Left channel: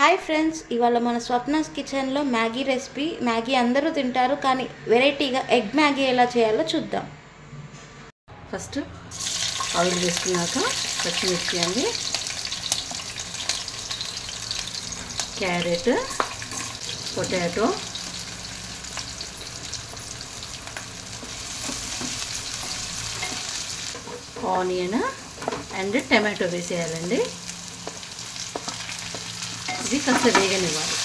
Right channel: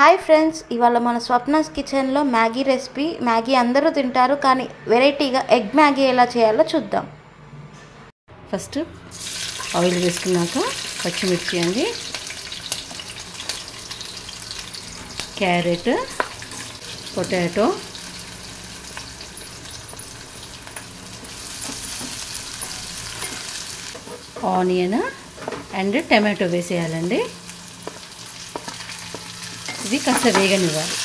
Hi friends, ఇవాళ మన స్వప్నాస్ కిచెన్లో మ్యాగీ రెసిపీ. మ్యాగీ అందరూ తింటారు, కానీ వెరైటీగా ఎగ్ మ్యాగీ ఎలా చేయాలో చూద్దాం. ఫస్ట్ ఆయిల్ వేసుకున్నాక పచ్చిమిర్చి అండి, carrot, potato, onion and tomato వేసేయాలండి. ఇది కాస్త వేగనివ్వాలి.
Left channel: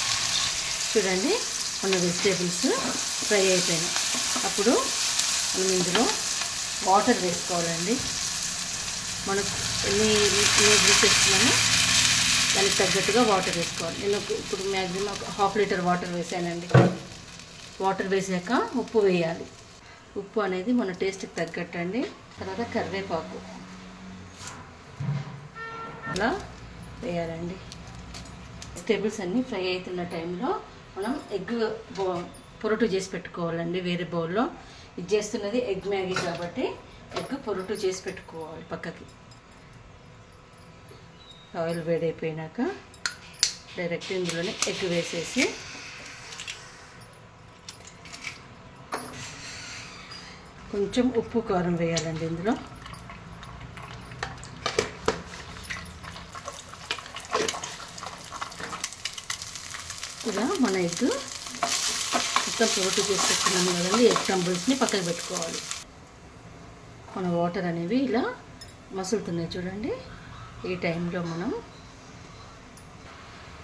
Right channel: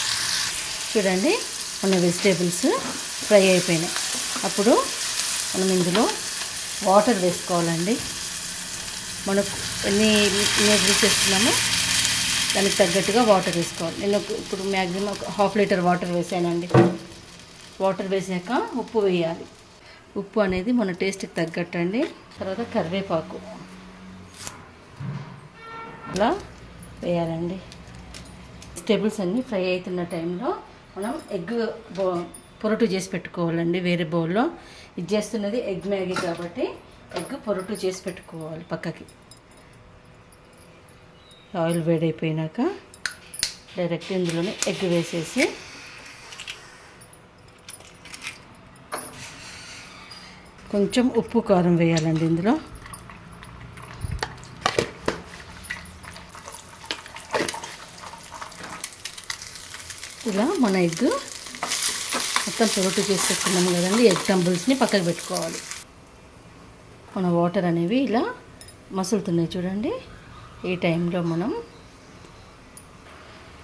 చూడండి, మన వెజిటేబుల్స్ ఫ్రై అయిపోయినాయి. అప్పుడు మనం ఇందులో వాటర్ వేసుకోవాలండి. మనకు ఎన్ని నూడిల్స్ వేస్తున్నామో దానికి తగ్గట్టుగా వాటర్ వేసుకోవాలి. నేను ఇప్పుడు మ్యాక్సిమం ఒక ½ లీటర్ వాటర్ వేసానండి. వాటర్ వేసాక ఉప్పు వేయాలి. ఉప్పు అనేది మన టేస్ట్కి తగ్గట్టు అండి. తర్వాత కరివేపాకు అలా వేయాలండి. వెజిటేబుల్స్ అన్నీ ఫ్రై అవుతున్న టైంలో మనం ఎగ్ పొరటు చేసి పెట్టుకోవాలండి వేరే బౌల్లో. ఇది చేస్తున్నది ఎగ్ మ్యాగీ కాబట్టి ఎగ్ పొరటు చేసి పెట్టుకోవాలి పక్కకి. ఆయిల్ వేడైపోయినాక డైరెక్ట్ ఇందులోనే ఎగ్ వేసేసి కొంచెం ఉప్పు కారం వేయాలండి ఇందులో. ఇలా మన ఎగ్ మొత్తం పొరటు చేసి పెట్టుకున్నాం కదండి. ఎగ్ టంబుల్స్ని పక్కకు పెట్టుకోవాలి. మన వాటర్ అనేవి ఇలా మసులుతున్నాయి చూడండి. ఈ టైంలో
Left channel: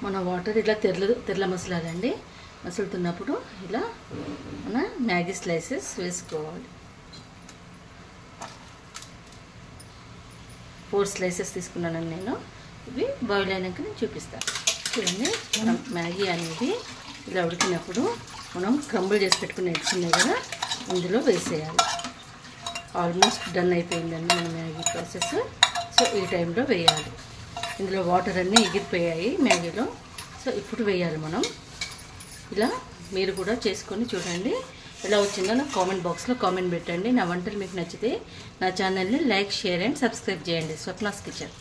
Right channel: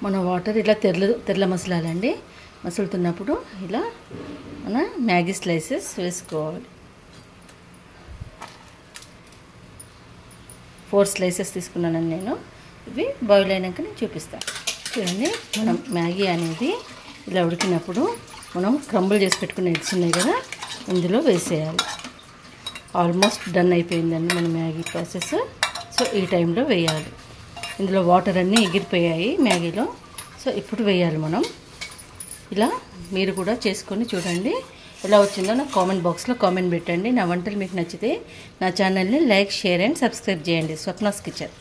మన వాటర్ ఇలా తెరల మసలాలండి. మసులుతున్నప్పుడు ఇలా మన మ్యాగీ స్లైసెస్ వేసుకోవాలి. 4 స్లైసెస్ తీసుకున్నానండి నేను. ఇవి బాయిల్ అయినాక నేను చూపిస్తాను. చూడండి, మనం మ్యాగీ అనేది ఇలా ఉడికినప్పుడు మనం క్రంబుల్ చేసి పెట్టుకునే ఎగ్స్ ఉన్నాయి కదా, ఇందులో వేసేయాలి. ఆల్మోస్ట్ డన్ అయిపోయిందండి మన మ్యాగీ ప్రాసెస్. సో ఈ టైంలో వేయాలి. ఇందులో వాటర్ అన్నీ ఎగిరిపోయాయి మ్యాగీలో. సో ఇప్పుడు వేయాలి మనం. ఇలా మీరు కూడా చేసుకొని చూడండి. ఎలా వచ్చిందో నాకు కామెంట్ బాక్స్లో కామెంట్ పెట్టండి. నా వంటలు మీకు నచ్చితే నా ఛానల్ని లైక్, షేర్ అండ్ సబ్స్క్రైబ్ చేయండి. స్వప్నాస్ కిచెన్.